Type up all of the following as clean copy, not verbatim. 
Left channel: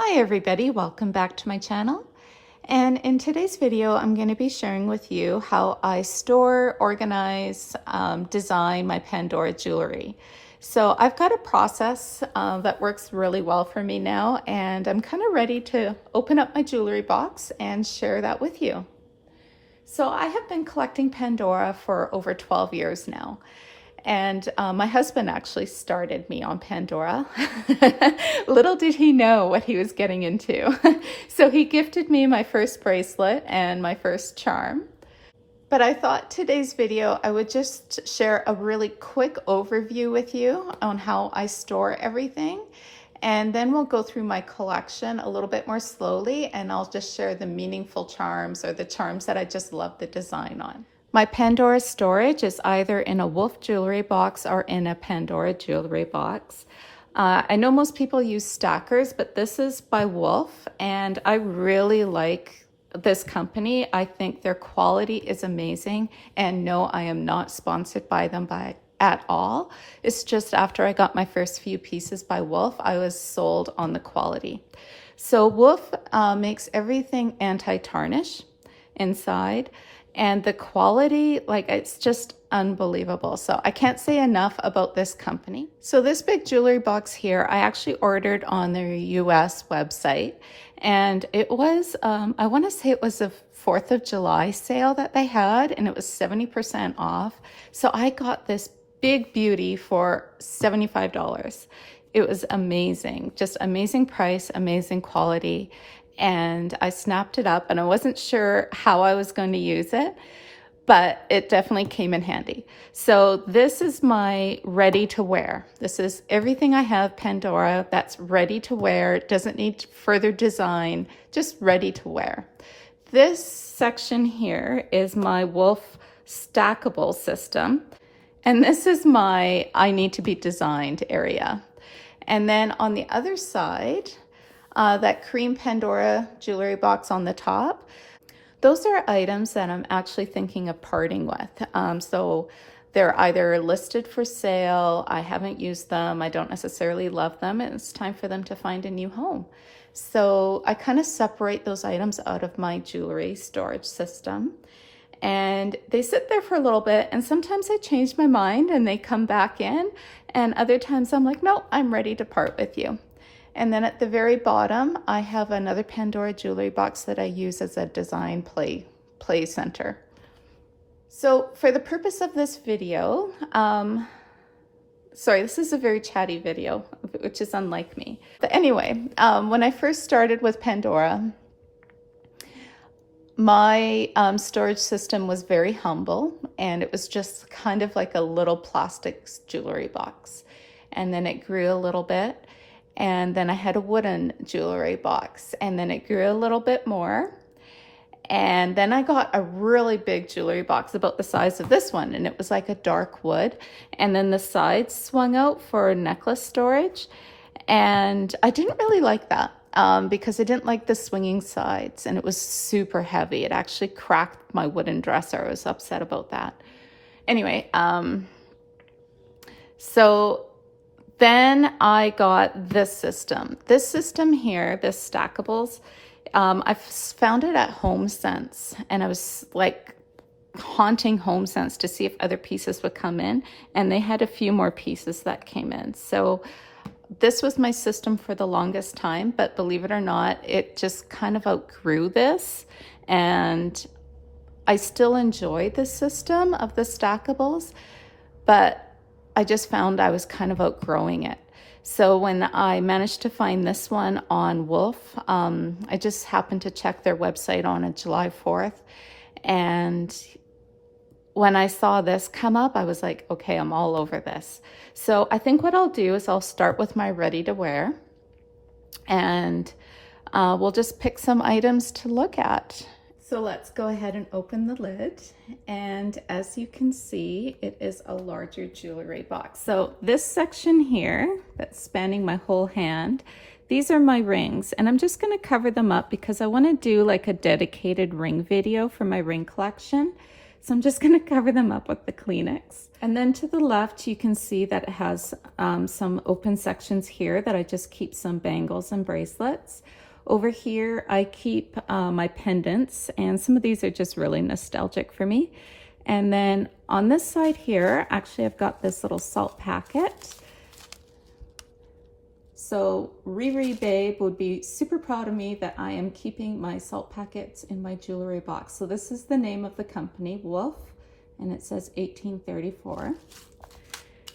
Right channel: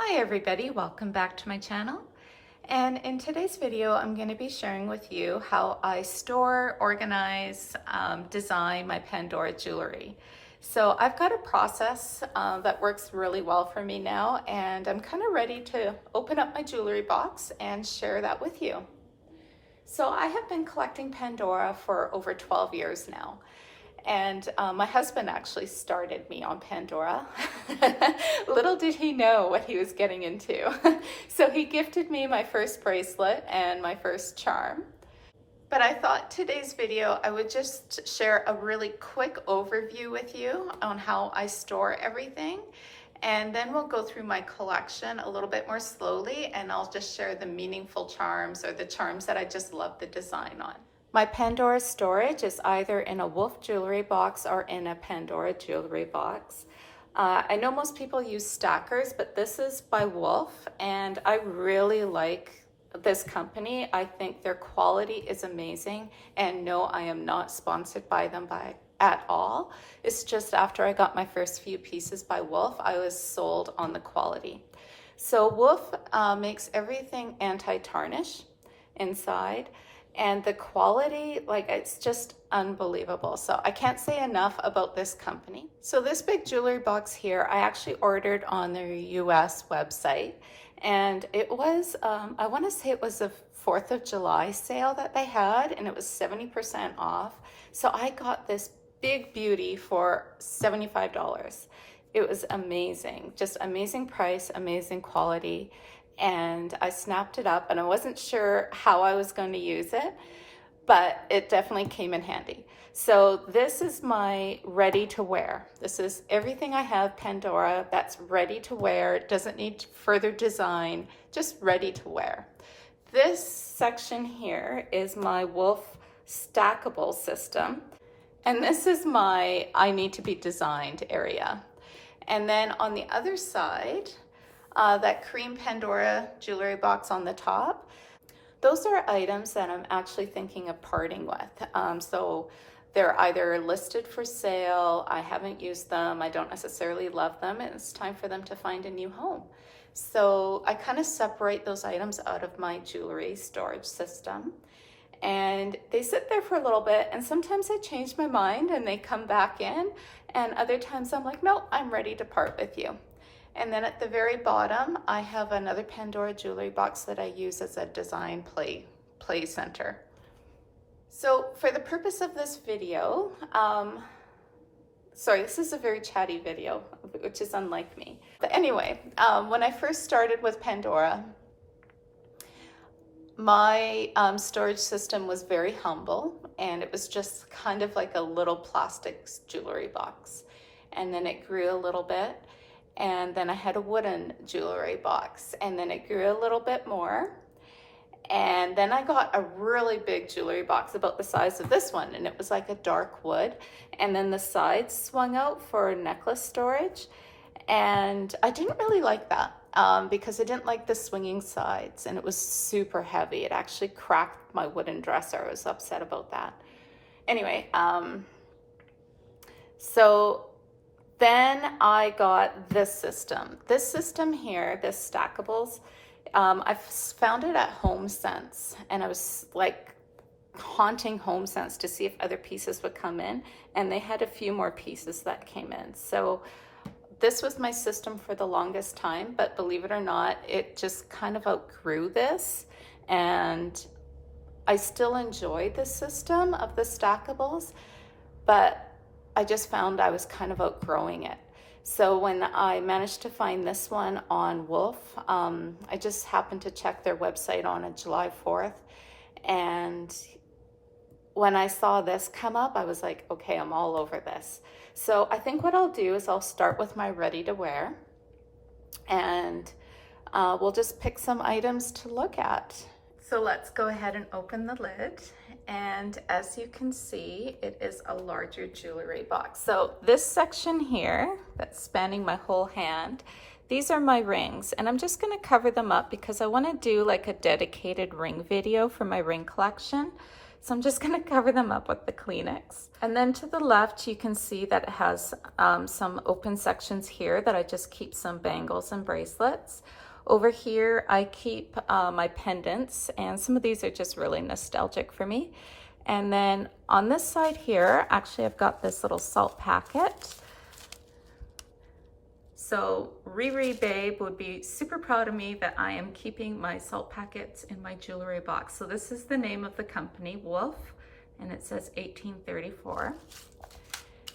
Hi everybody, welcome back to my channel. And in today's video, I'm going to be sharing with you how I store, organize, design my Pandora jewelry. So I've got a process that works really well for me now, and I'm kind of ready to open up my jewelry box and share that with you. So I have been collecting Pandora for over 12 years now. And my husband actually started me on Pandora. Little did he know what he was getting into. So he gifted me my first bracelet and my first charm. But I thought today's video I would just share a really quick overview with you on how I store everything. And then we'll go through my collection a little bit more slowly, and I'll just share the meaningful charms or the charms that I just love the design on. My Pandora storage is either in a Wolf jewelry box or in a Pandora jewelry box. I know most people use stackers, but this is by Wolf, and I really like this company. I think their quality is amazing, and no, I am not sponsored by them at all. It's just after I got my first few pieces by Wolf, I was sold on the quality. So Wolf makes everything anti-tarnish inside. And the quality, like, it's just unbelievable. So I can't say enough about this company. So this big jewelry box here, I actually ordered on their US website. And it was, I want to say it was a 4th of July sale that they had, and it was 70% off. So I got this big beauty for $75. It was amazing, just amazing price, amazing quality. And I snapped it up, and I wasn't sure how I was going to use it, but it definitely came in handy. So this is my ready to wear. This is everything I have Pandora that's ready to wear. It doesn't need further design, just ready to wear. This section here is my Wolf stackable system. And this is my I need to be designed area. And then on the other side, that cream Pandora jewelry box on the top, those are items that I'm actually thinking of parting with. So they're either listed for sale, I haven't used them, I don't necessarily love them, and it's time for them to find a new home. So I kind of separate those items out of my jewelry storage system. And they sit there for a little bit, and sometimes I change my mind and they come back in, and other times I'm like, no, I'm ready to part with you. And then at the very bottom, I have another Pandora jewelry box that I use as a design play center. So for the purpose of this video, sorry, this is a very chatty video, which is unlike me. But anyway, when I first started with Pandora, my storage system was very humble, and it was just kind of like a little plastic jewelry box. And then it grew a little bit. And then I had a wooden jewelry box, and then it grew a little bit more. And then I got a really big jewelry box about the size of this one, and it was like a dark wood. And then the sides swung out for necklace storage. And I didn't really like that because I didn't like the swinging sides, and it was super heavy. It actually cracked my wooden dresser. I was upset about that. Anyway, so then I got this system. This system here, this stackables, I found it at HomeSense, and I was like haunting HomeSense to see if other pieces would come in, and they had a few more pieces that came in. So this was my system for the longest time, but believe it or not, it just kind of outgrew this, and I still enjoy this system of the stackables, but I just found I was kind of outgrowing it. So when I managed to find this one on Wolf, I just happened to check their website on a July 4th. And when I saw this come up, I was like, okay, I'm all over this. So I think what I'll do is I'll start with my ready to wear, and we'll just pick some items to look at. So let's go ahead and open the lid, and as you can see, it is a larger jewelry box. So this section here that's spanning my whole hand, these are my rings, and I'm just going to cover them up because I want to do like a dedicated ring video for my ring collection. so I'm just gonna cover them up with the Kleenex. And then to the left, you can see that it has some open sections here that I just keep some bangles and bracelets. Over here, I keep my pendants, and some of these are just really nostalgic for me. And then on this side here, actually I've got this little salt packet. So Riri Babe would be super proud of me that I am keeping my salt packets in my jewelry box. So this is the name of the company, Wolf, and it says 1834.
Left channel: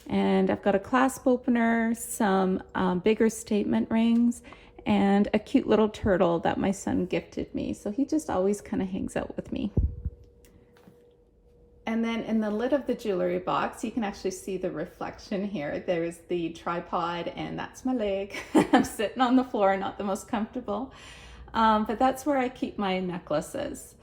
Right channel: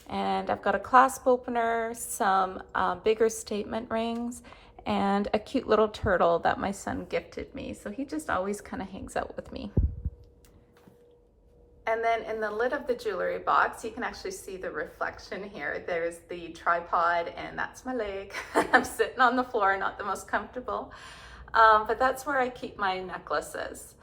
And I've got a clasp opener, some bigger statement rings, and a cute little turtle that my son gifted me. So he just always kind of hangs out with me. And then in the lid of the jewelry box, you can actually see the reflection here. There's the tripod, and that's my leg. I'm sitting on the floor, not the most comfortable. But that's where I keep my necklaces.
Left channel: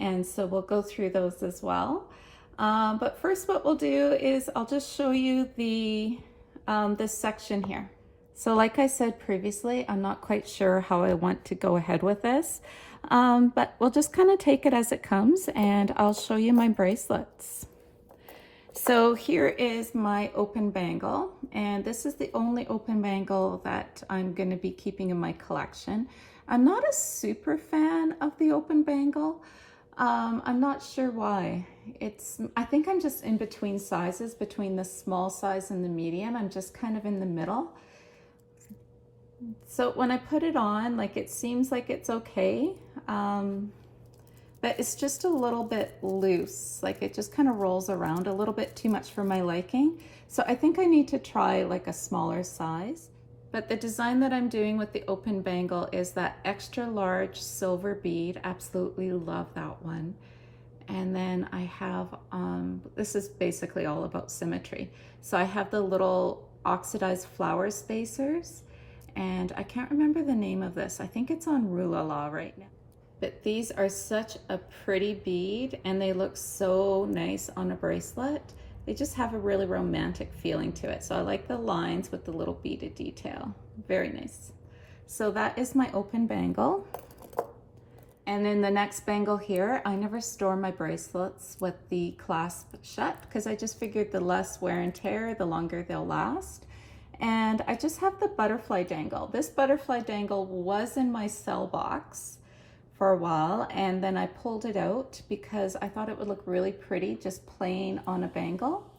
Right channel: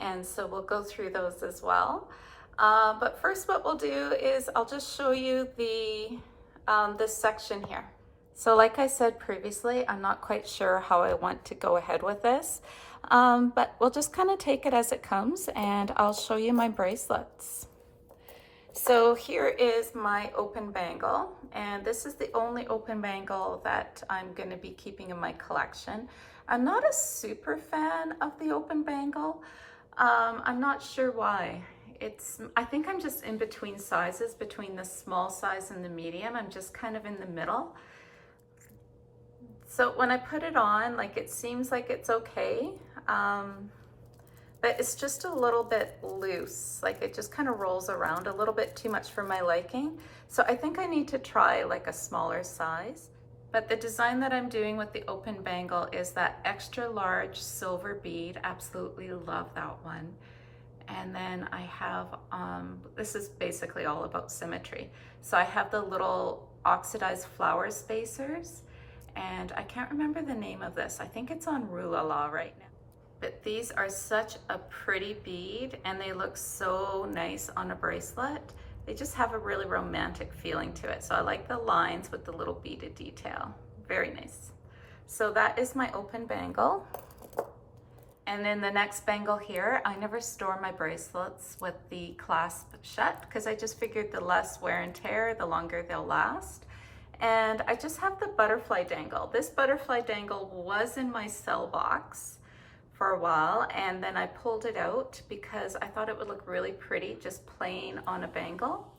And so we'll go through those as well. But first what we'll do is I'll just show you this section here. So like I said previously, I'm not quite sure how I want to go ahead with this, but we'll just kind of take it as it comes, and I'll show you my bracelets. So here is my open bangle, and this is the only open bangle that I'm going to be keeping in my collection. I'm not a super fan of the open bangle. I'm not sure why. I think I'm just in between sizes, between the small size and the medium. I'm just kind of in the middle. So when I put it on, like, it seems like it's okay, but it's just a little bit loose. Like, it just kind of rolls around a little bit too much for my liking. So I think I need to try like a smaller size. But the design that I'm doing with the open bangle is that extra large silver bead. Absolutely love that one. And then I have, this is basically all about symmetry. So I have the little oxidized flower spacers. And I can't remember the name of this. I think it's on Rulala right now. But these are such a pretty bead, and they look so nice on a bracelet. They just have a really romantic feeling to it. So I like the lines with the little beaded detail. Very nice. So that is my open bangle. And then the next bangle here, I never store my bracelets with the clasp shut because I just figured the less wear and tear, the longer they'll last. And I just have the butterfly dangle. This butterfly dangle was in my cell box for a while, and then I pulled it out because I thought it would look really pretty just plain on a bangle.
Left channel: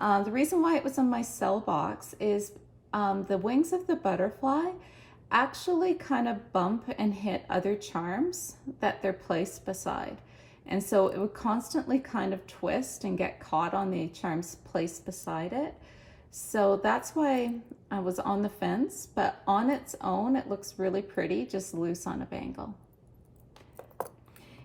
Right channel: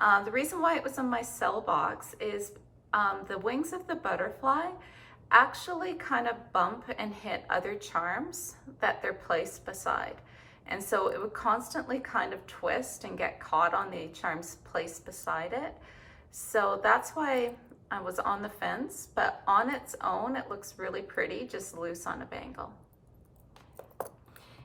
The reason why it was in my cell box is the wings of the butterfly actually kind of bump and hit other charms that they're placed beside. And so it would constantly kind of twist and get caught on the charms placed beside it. So that's why I was on the fence, but on its own, it looks really pretty, just loose on a bangle.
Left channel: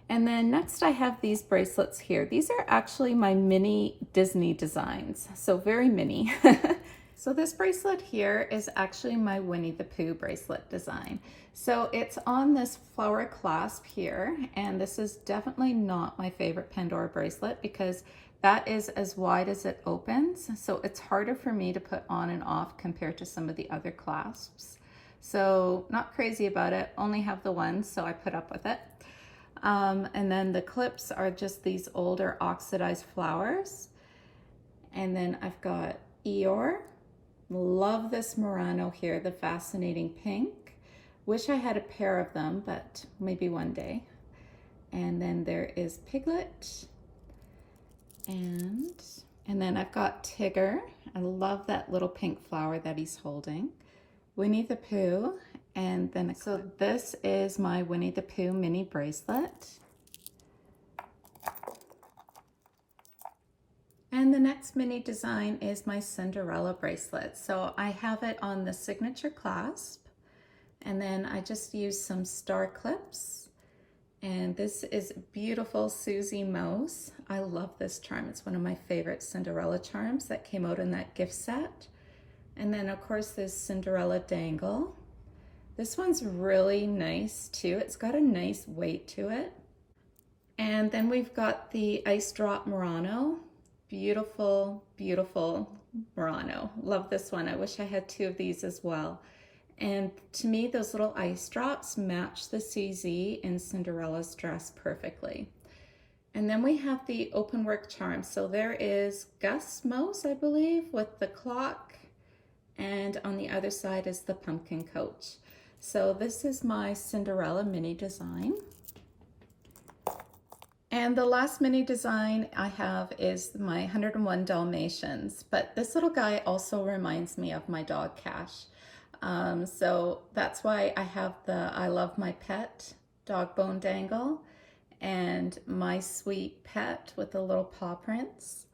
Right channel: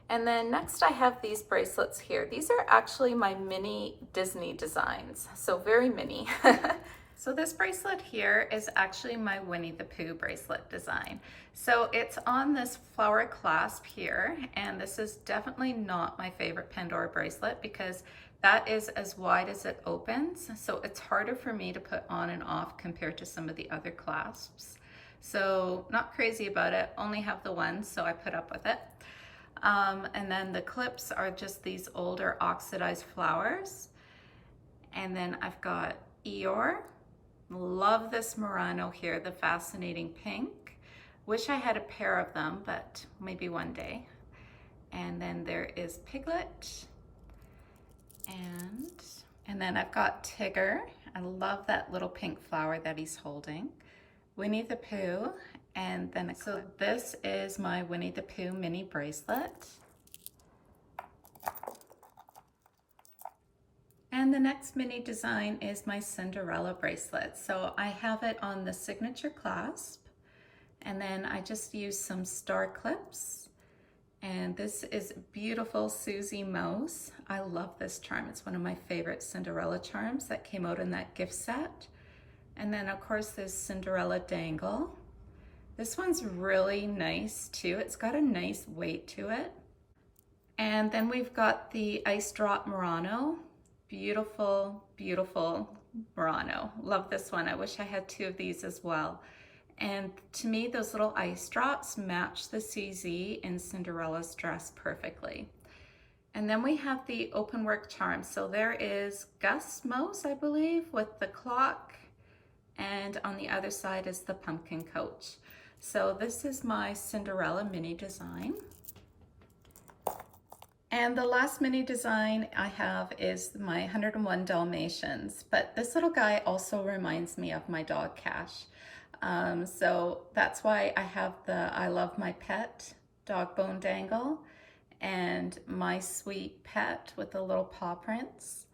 And then next I have these bracelets here. These are actually my mini Disney designs, so very mini. So this bracelet here is actually my Winnie the Pooh bracelet design. So it's on this flower clasp here, and this is definitely not my favorite Pandora bracelet because that is as wide as it opens. So it's harder for me to put on and off compared to some of the other clasps. So not crazy about it, only have the one, so I put up with it. And then the clips are just these older oxidized flowers. And then I've got Eeyore. Love this Murano here, the fascinating pink. Wish I had a pair of them, but maybe one day. And then there is Piglet. And then I've got Tigger. I love that little pink flower that he's holding. Winnie the Pooh. And then so this is my Winnie the Pooh mini bracelet. And the next mini design is my Cinderella bracelet. So I have it on the signature clasp, and then I just use some star clips. And this is beautiful Susie Mouse. I love this charm. It's one of my favorite Cinderella charms that came out in that gift set. And then of course there's Cinderella dangle. This one's really nice too. It's got a nice weight to it. And then we've got the Ice Drop Murano. Beautiful, beautiful Murano. Love this one. I wish I had two of these as well. And to me, those little ice drops match the CZ in Cinderella's dress perfectly. And then we have the open work charm. So there is Gus Mose, I believe, with the clock, and on the other side is the pumpkin coach. So this is my Cinderella mini design. And the last mini design I have is my 101 Dalmatians, but this little guy also reminds me of my dog Cash. So that's why I have the I Love My Pet dog bone dangle and My Sweet Pet with the little paw prints.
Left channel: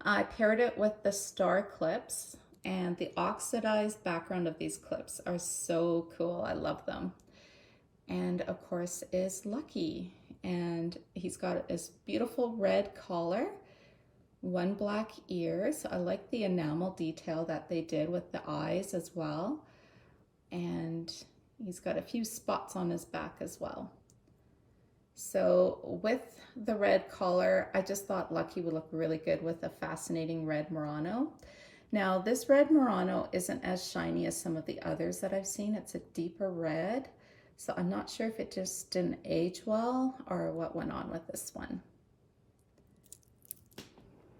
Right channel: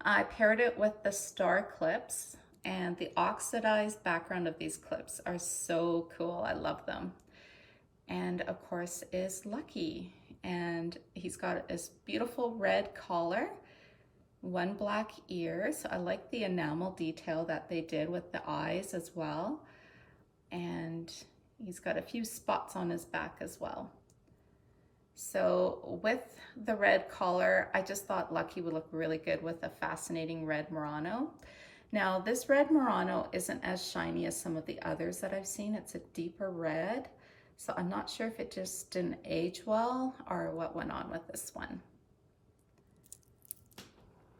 I paired it with the star clips, and the oxidized background of these clips are so cool. I love them. And of course is Lucky, and he's got this beautiful red collar, one black ear. So I like the enamel detail that they did with the eyes as well. And he's got a few spots on his back as well. So with the red collar, I just thought Lucky would look really good with a fascinating red Murano. Now this red Murano isn't as shiny as some of the others that I've seen. It's a deeper red. So I'm not sure if it just didn't age well or what went on with this one.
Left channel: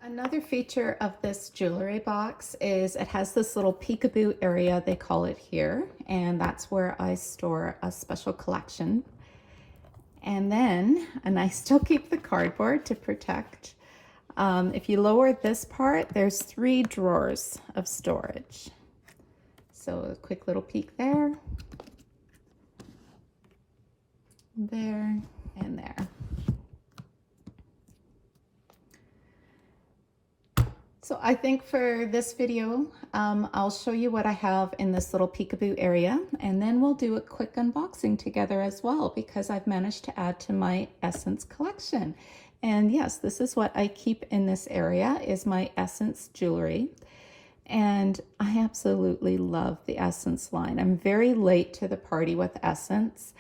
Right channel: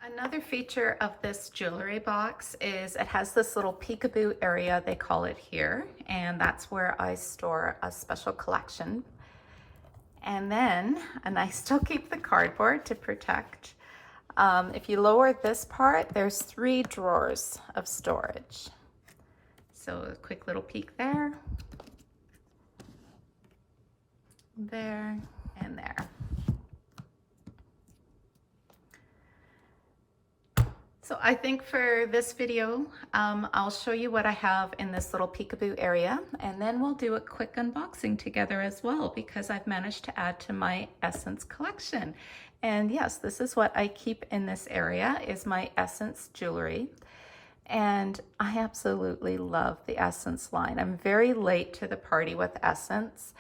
Another feature of this jewelry box is it has this little peekaboo area, they call it here, and that's where I store a special collection. And then, I still keep the cardboard to protect. If you lower this part, there's 3 drawers of storage. So a quick little peek there, there, and there. So I think for this video, I'll show you what I have in this little peekaboo area, and then we'll do a quick unboxing together as well, because I've managed to add to my Essence collection. And yes, this is what I keep in this area, is my Essence jewelry. And I absolutely love the Essence line. I'm very late to the party with Essence,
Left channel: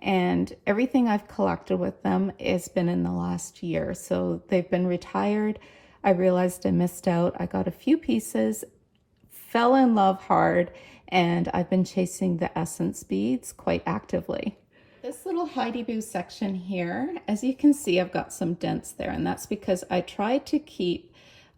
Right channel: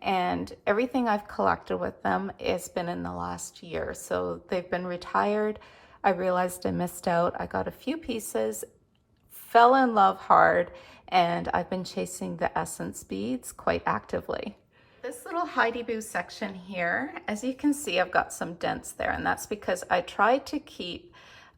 and everything I've collected with them has been in the last year. So they've been retired. I realized I missed out. I got a few pieces, fell in love hard, and I've been chasing the Essence beads quite actively. This little Heidi Boo section here, as you can see, I've got some dents there, and that's because I tried to keep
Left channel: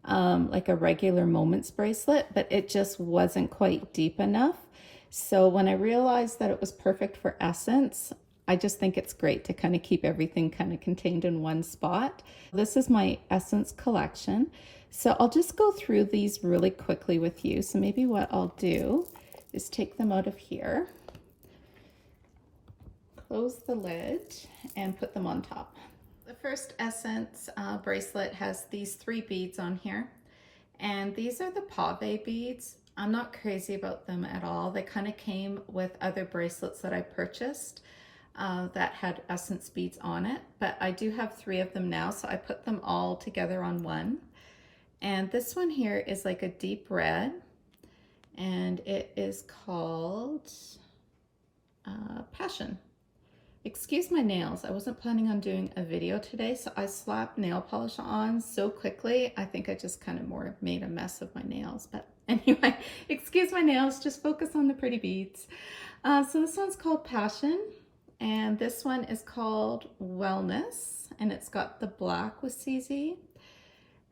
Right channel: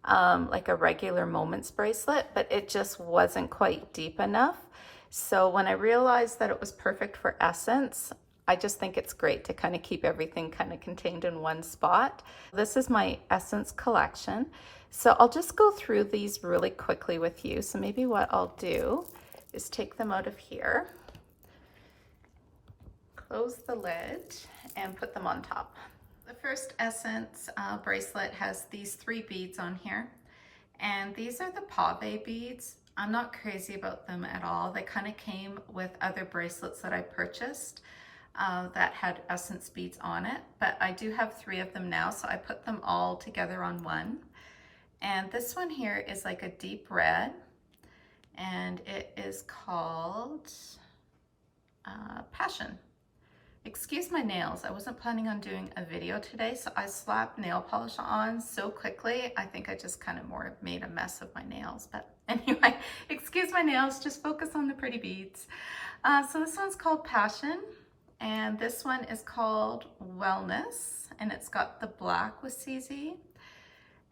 like a regular Moments bracelet, but it just wasn't quite deep enough. So when I realized that it was perfect for Essence, I just think it's great to kind of keep everything kind of contained in one spot. This is my Essence collection. So I'll just go through these really quickly with you. So maybe what I'll do is take them out of here, close the lid, and put them on top. The first Essence bracelet has these 3 beads on here. And these are the pave beads. I'm not crazy about them at all. They kind of came with other bracelets that I purchased that had Essence beads on it, but I do have 3 of them now, so I put them all together on one. And this one here is like a deep red, and it is called Passion. Excuse my nails, I wasn't planning on doing a video today, so I slapped nail polish on so quickly, I think I just kind of more made a mess of my nails. But anyway, excuse my nails, just focus on the pretty beads. So this one's called Passion. And this one is called Wellness, and it's got the black with CZ.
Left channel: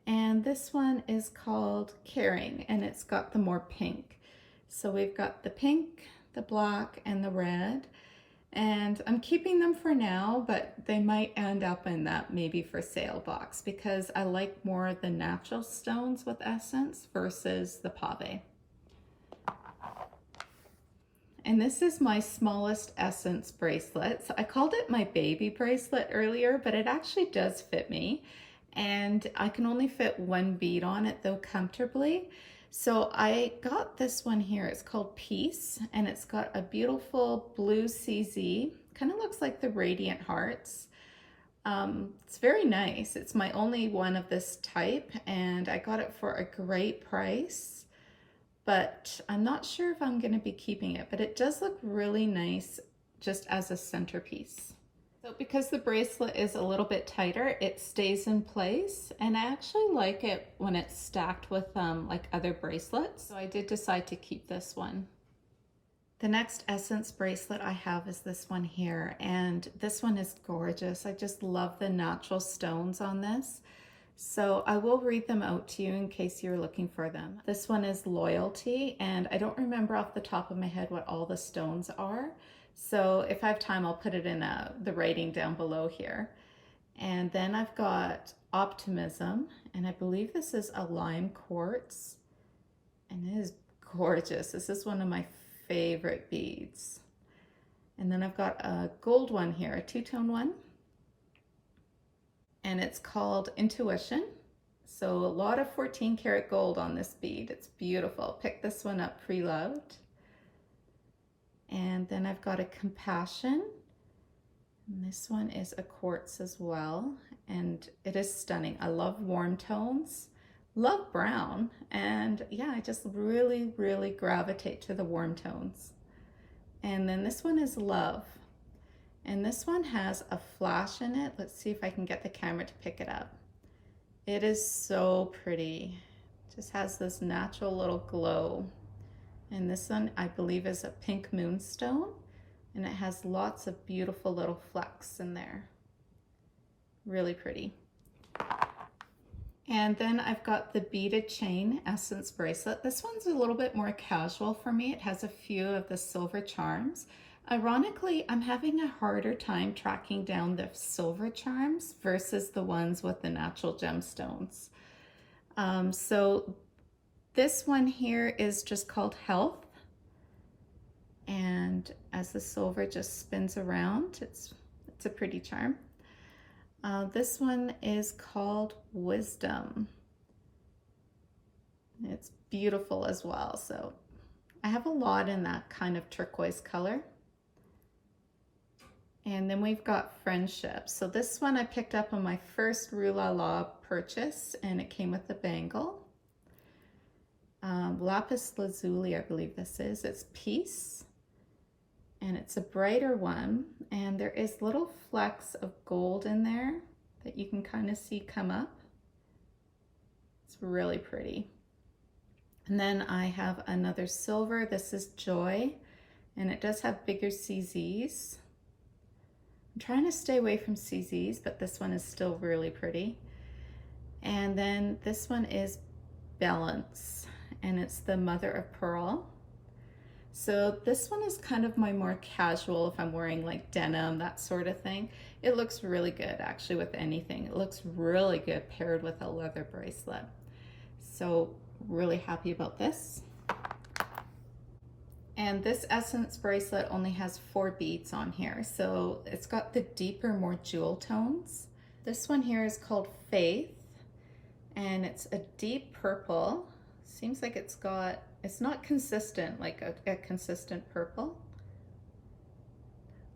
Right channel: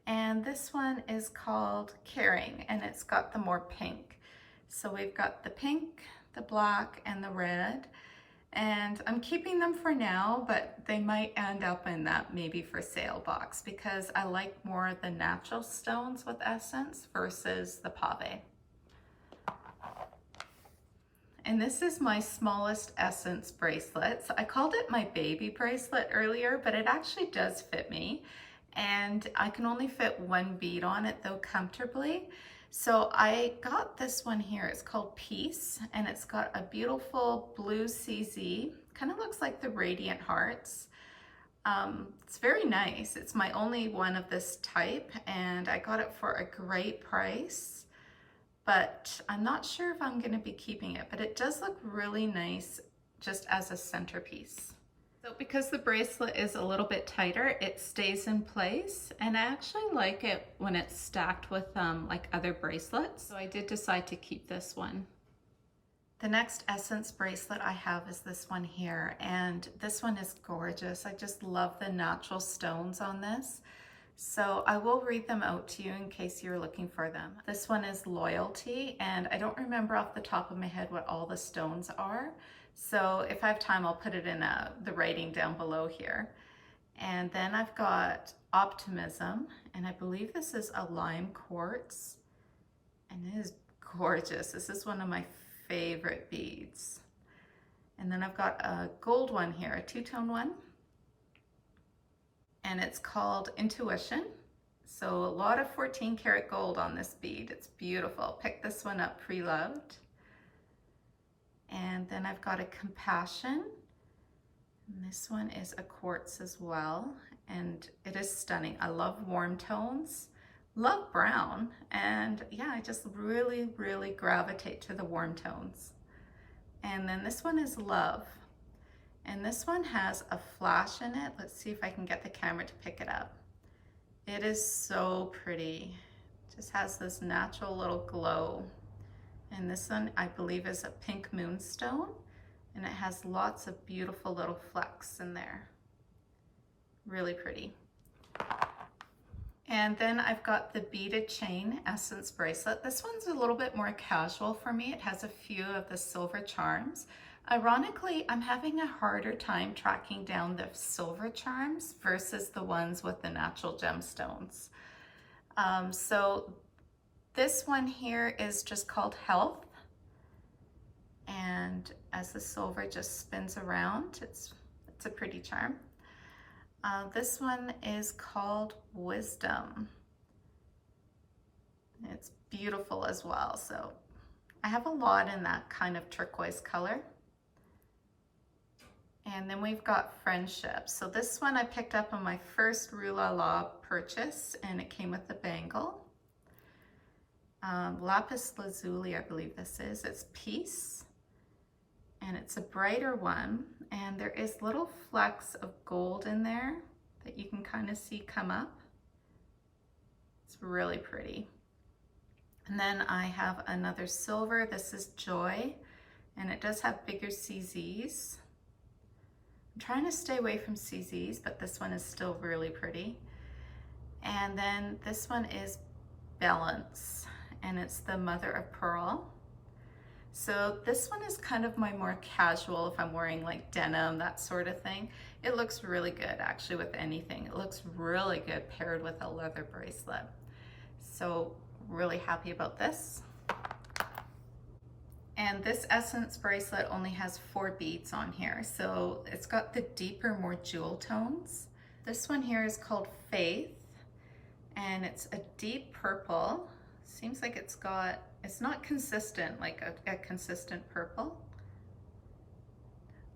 And this one is called Caring, and it's got the more pink. So we've got the pink, the black, and the red. And I'm keeping them for now, but they might end up in that maybe for sale box, because I like more the natural stones with Essence versus the pave. And this is my smallest Essence bracelet. So I called it my baby bracelet earlier, but it actually does fit me. And I can only fit 1 bead on it though comfortably. So I got this one here. It's called Peace, and it's got a beautiful blue CZ. Kind of looks like the Radiant Hearts. It's very nice. It's my only one of this type, and I got it for a great price. But I'm not sure if I'm going to be keeping it, but it does look really nice just as a centerpiece. So because the bracelet is a little bit tighter, it stays in place, and I actually like it when it's stacked with like other bracelets. So I did decide to keep this one. The next Essence bracelet I have is this one here, and this one is gorgeous. I just love the natural stones on this. So I will read them out to you in case you're looking for them. This one is Loyalty, and I don't remember off the top of my head what all the stones are. So if I have time, I'll put it in the writing down below here. And then I've got Optimism, and I believe this is a lime quartz, and it is gorgeous. This is one of my favorite beads. And then I've got a gold one here, a two-tone one, and it's called Intuition. So a lot of 14 karat gold on this bead. It's beautiful. Picked this one up pre-loved. And then I've got a Compassion. And this one is a quartz as well, and it is stunning. I love warm tones, love brown, and yeah, I just really, really gravitate to the warm tones. And then this one is Love, and this one has a flash in it. Let's see if I can get the camera to pick it up. It is so pretty. It just has this natural little glow. And this one I believe is a pink moonstone, and it has lots of beautiful little flecks in there. Really pretty. And then I've got the Beaded Chain Essence bracelet. This one's a little bit more casual for me. It has a few of the silver charms. Ironically, I'm having a harder time tracking down the silver charms versus the ones with the natural gemstones. So this one here is just called Health. And as the silver just spins around, it's a pretty charm. This one is called Wisdom. It's beautiful as well. So I have a lot in that kind of turquoise color. And then we've got Friendship. So this one I picked up on my first Rue La La purchase, and it came with the bangle. Lapis Lazuli, I believe this is. It's Peace. And it's a brighter one, and there is little flecks of gold in there that you can kind of see come up. It's really pretty. And then I have another silver. This is Joy, and it does have bigger CZs. I'm trying to stay away from CZs, but this one is still really pretty. And then this one is Balance, and it's the Mother of Pearl. So this one is kind of my more casual, if I'm wearing like denim, that sort of thing. It looks really good actually with anything. It looks really good paired with a leather bracelet. So really happy about this. And this Essence bracelet only has 4 beads on here. So it's got the deeper, more jewel tones. This one here is called Faith, and it's a deep purple. Seems like it's not consistent, like a consistent purple.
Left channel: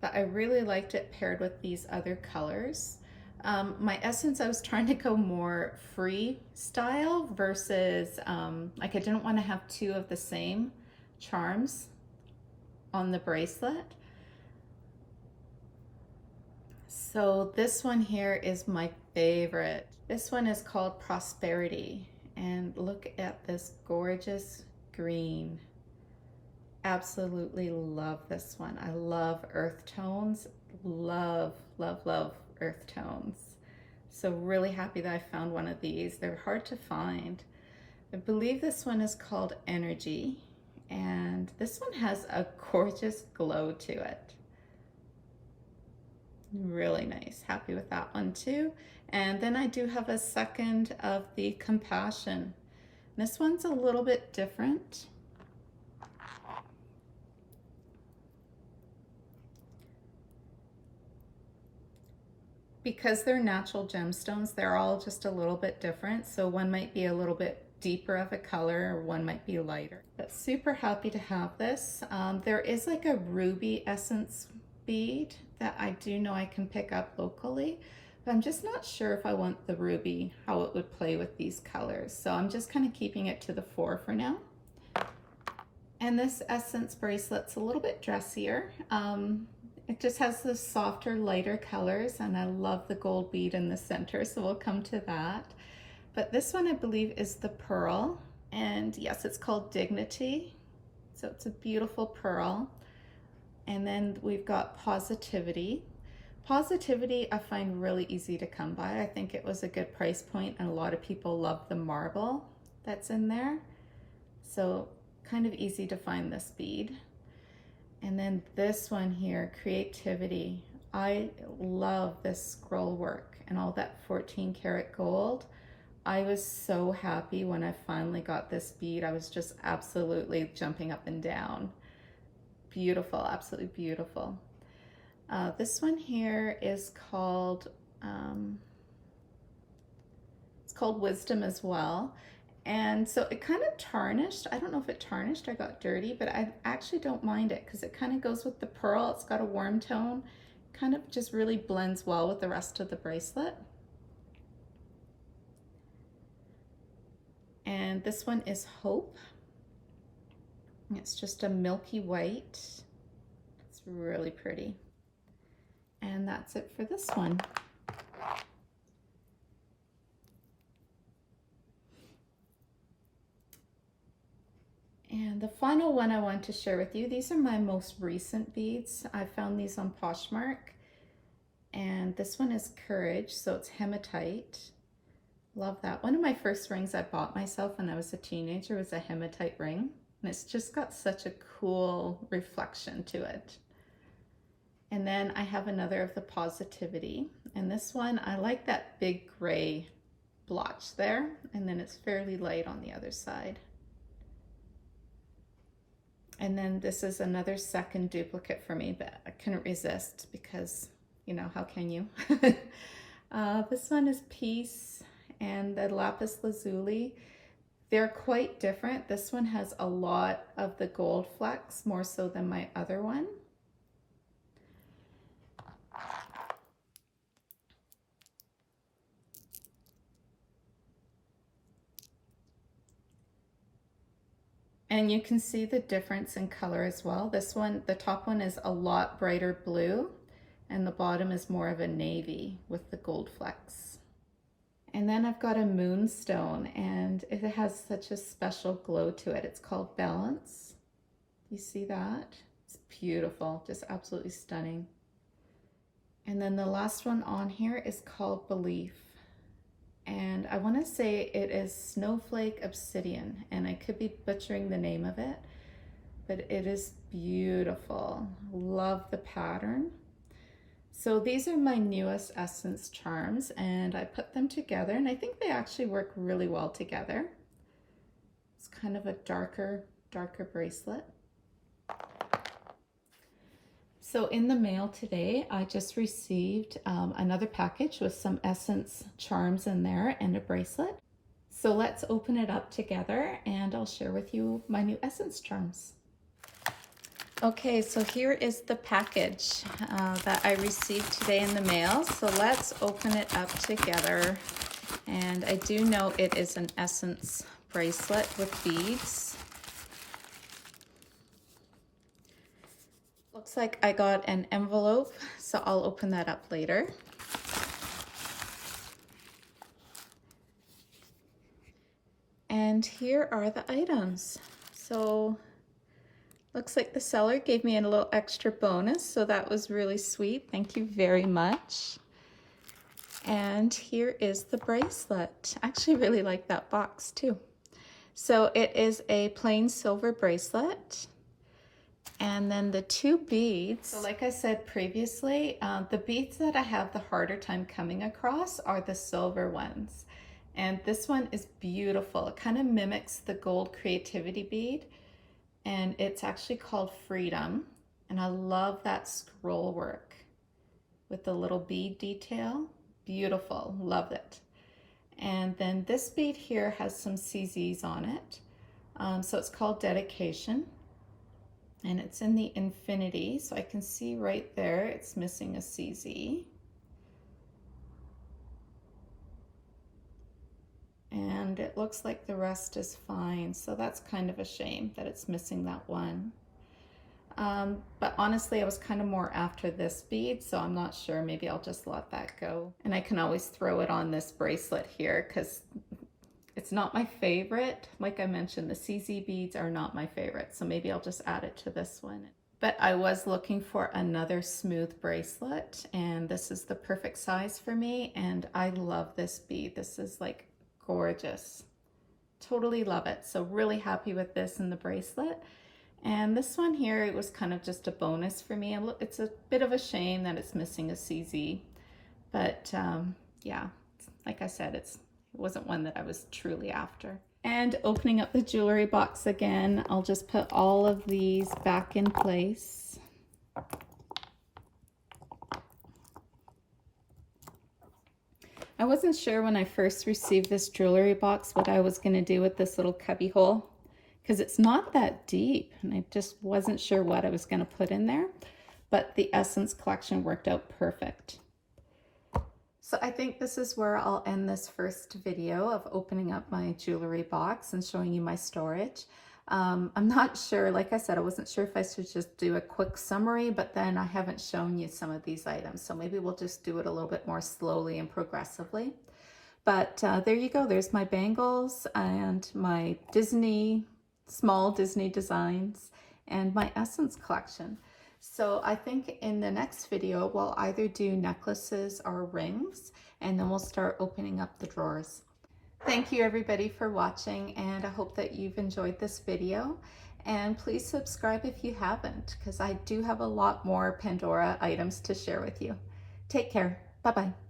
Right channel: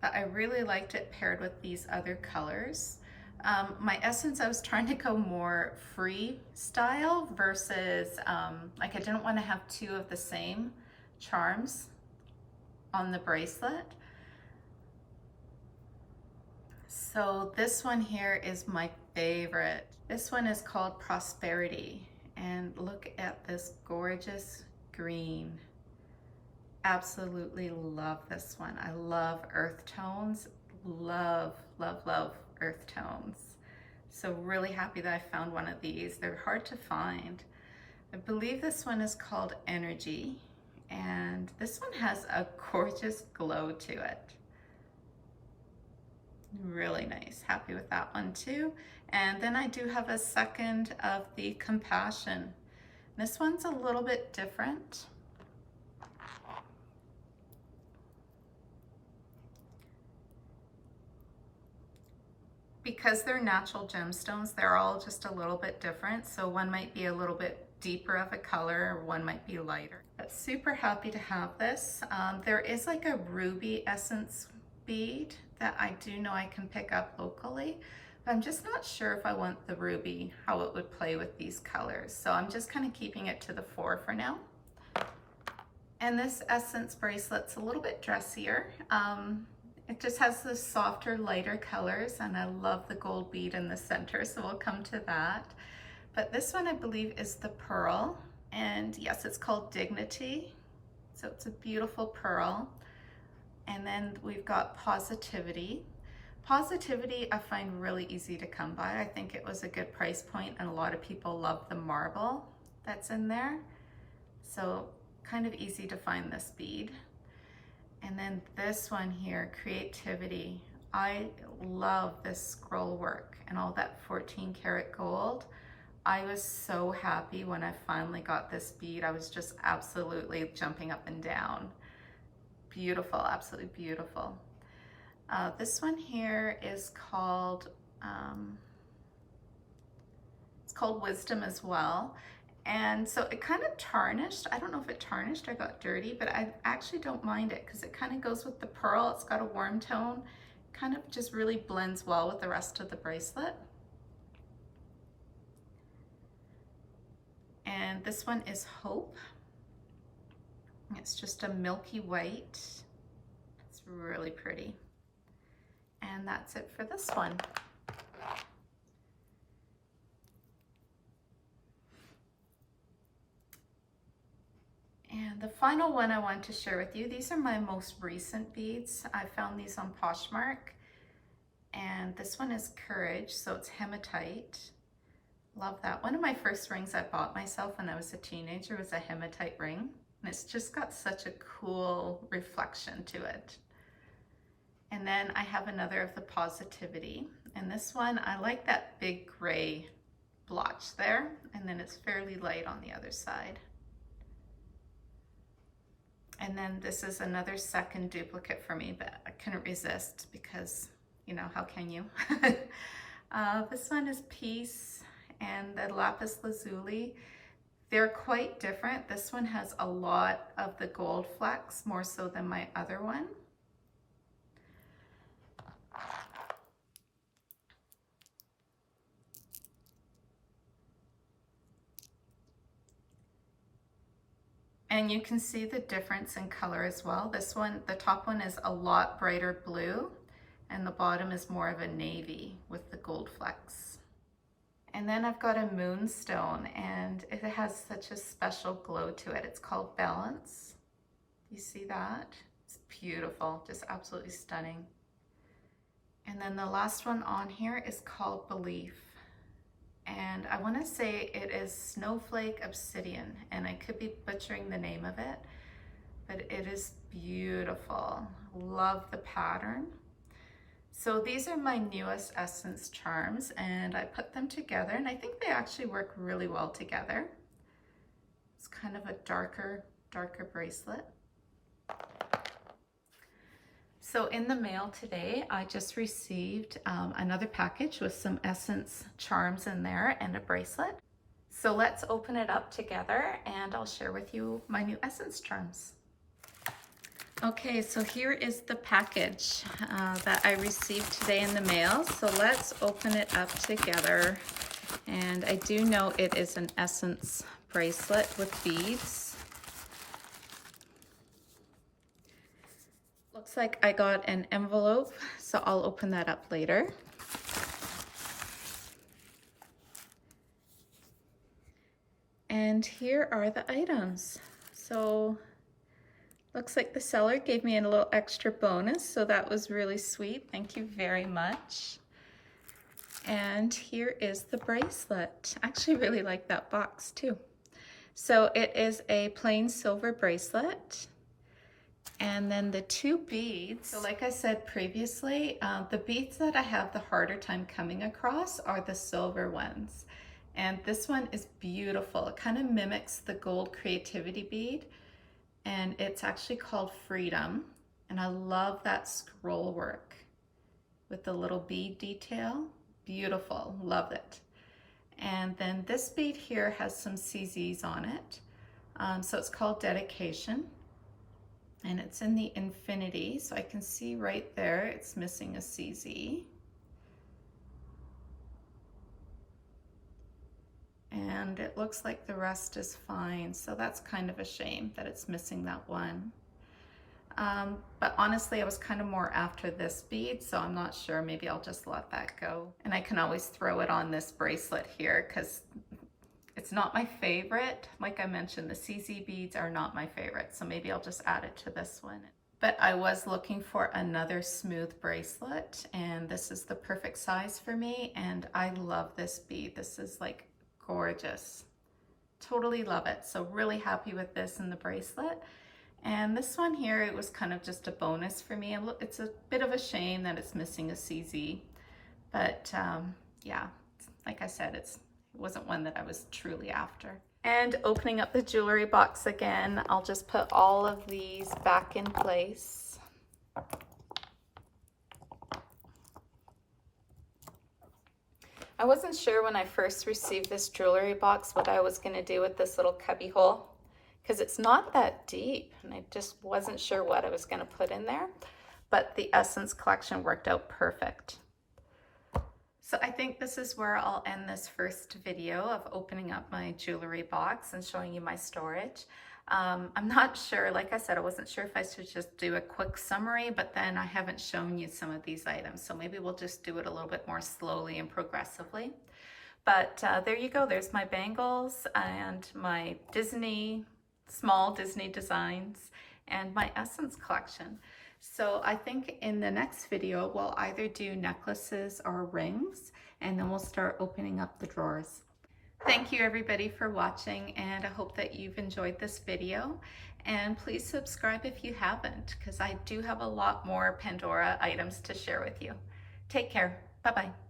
But I really liked it paired with these other colors. My Essence, I was trying to go more free style versus, like I didn't want to have 2 of the same charms on the bracelet. So this one here is my favorite. This one is called Prosperity, and look at this gorgeous green. Absolutely love this one. I love earth tones. Love, love, love earth tones. So really happy that I found one of these. They're hard to find. I believe this one is called Energy, and this one has a gorgeous glow to it. Really nice. Happy with that one too. And then I do have a second of the Compassion. This one's a little bit different. Because they're natural gemstones, they're all just a little bit different. So one might be a little bit deeper of a color, or one might be lighter. But super happy to have this. There is like a ruby essence bead that I do know I can pick up locally, but I'm just not sure if I want the ruby, how it would play with these colors. So I'm just kind of keeping it to the 4 for now. And this Essence bracelet's a little bit dressier. It just has the softer, lighter colors, and I love the gold bead in the center, so we'll come to that. But this one I believe is the Pearl, and yes, it's called Dignity. So it's a beautiful pearl. And then we've got Positivity. Positivity I find really easy to come by. I think it was a good price point and a lot of people love the marble that's in there. So kind of easy to find this bead. And then this one here, Creativity. I love this scroll work and all that 14 karat gold. I was so happy when I finally got this bead. I was just absolutely jumping up and down. Beautiful, absolutely beautiful. This one here is called, it's called Wisdom as well. And so it kind of tarnished. I don't know if it tarnished or got dirty, but I actually don't mind it because it kind of goes with the pearl. It's got a warm tone, kind of just really blends well with the rest of the bracelet. And this one is Hope. It's just a milky white. It's really pretty. And that's it for this one. And the final one I want to share with you, these are my most recent beads. I found these on Poshmark. And this one is Courage, so it's hematite. Love that. One of my first rings I bought myself when I was a teenager was a hematite ring. And it's just got such a cool reflection to it. And then I have another of the Positivity. And this one, I like that big gray blotch there. And then it's fairly light on the other side. And then this is another second duplicate for me, but I couldn't resist because, you know, how can you? This one is Peace and the Lapis Lazuli. They're quite different. This one has a lot of the gold flecks, more so than my other one. And you can see the difference in color as well. This one, the top one is a lot brighter blue and the bottom is more of a navy with the gold flecks. And then I've got a moonstone and it has such a special glow to it. It's called Balance. You see that? It's beautiful, just absolutely stunning. And then the last one on here is called Belief. And I want to say it is Snowflake Obsidian, and I could be butchering the name of it, but it is beautiful. Love the pattern. So these are my newest Essence charms, and I put them together, and I think they actually work really well together. It's kind of a darker bracelet. So in the mail today, I just received another package with some Essence charms in there and a bracelet. So let's open it up together and I'll share with you my new Essence charms. Okay, so here is the package that I received today in the mail. So let's open it up together. And I do know it is an Essence bracelet with beads. Looks like I got an envelope, so I'll open that up later. And here are the items. So looks like the seller gave me a little extra bonus, so that was really sweet. Thank you very much. And here is the bracelet. I actually really like that box too. So it is a plain silver bracelet. And then the two beads, so like I said previously, the beads that I have the harder time coming across are the silver ones. And this one is beautiful. It kind of mimics the gold Creativity bead. And it's actually called Freedom. And I love that scroll work with the little bead detail. Beautiful, love it. And then this bead here has some CZs on it. So it's called Dedication. And it's in the infinity, so I can see right there it's missing a CZ. And it looks like the rest is fine, so that's kind of a shame that it's missing that one. But honestly, I was kind of more after this bead, so I'm not sure. Maybe I'll just let that go. And I can always throw it on this bracelet here because It's not my favorite. Like I mentioned, the CZ beads are not my favorite, so maybe I'll just add it to this one. But I was looking for another smooth bracelet, and this is the perfect size for me, and I love this bead. This is like gorgeous. Totally love it. So really happy with this and the bracelet. And this one here, it was kind of just a bonus for me. It's a bit of a shame that it's missing a CZ, but yeah, like I said, it wasn't one that I was truly after. And opening up the jewelry box again, I'll just put all of these back in place. I wasn't sure when I first received this jewelry box what I was going to do with this little cubby hole, because it's not that deep, and I just wasn't sure what I was going to put in there, but the Essence collection worked out perfect. So I think this is where I'll end this first video of opening up my jewelry box and showing you my storage. I'm not sure, like I said, I wasn't sure if I should just do a quick summary, but then I haven't shown you some of these items, so maybe we'll just do it a little bit more slowly and progressively. But there you go, there's my bangles and my small Disney designs and my Essence collection. So I think in the next video, we'll either do necklaces or rings, and then we'll start opening up the drawers. Thank you everybody for watching, and I hope that you've enjoyed this video. And please subscribe if you haven't, because I do have a lot more Pandora items to share with you. Take care. Bye-bye.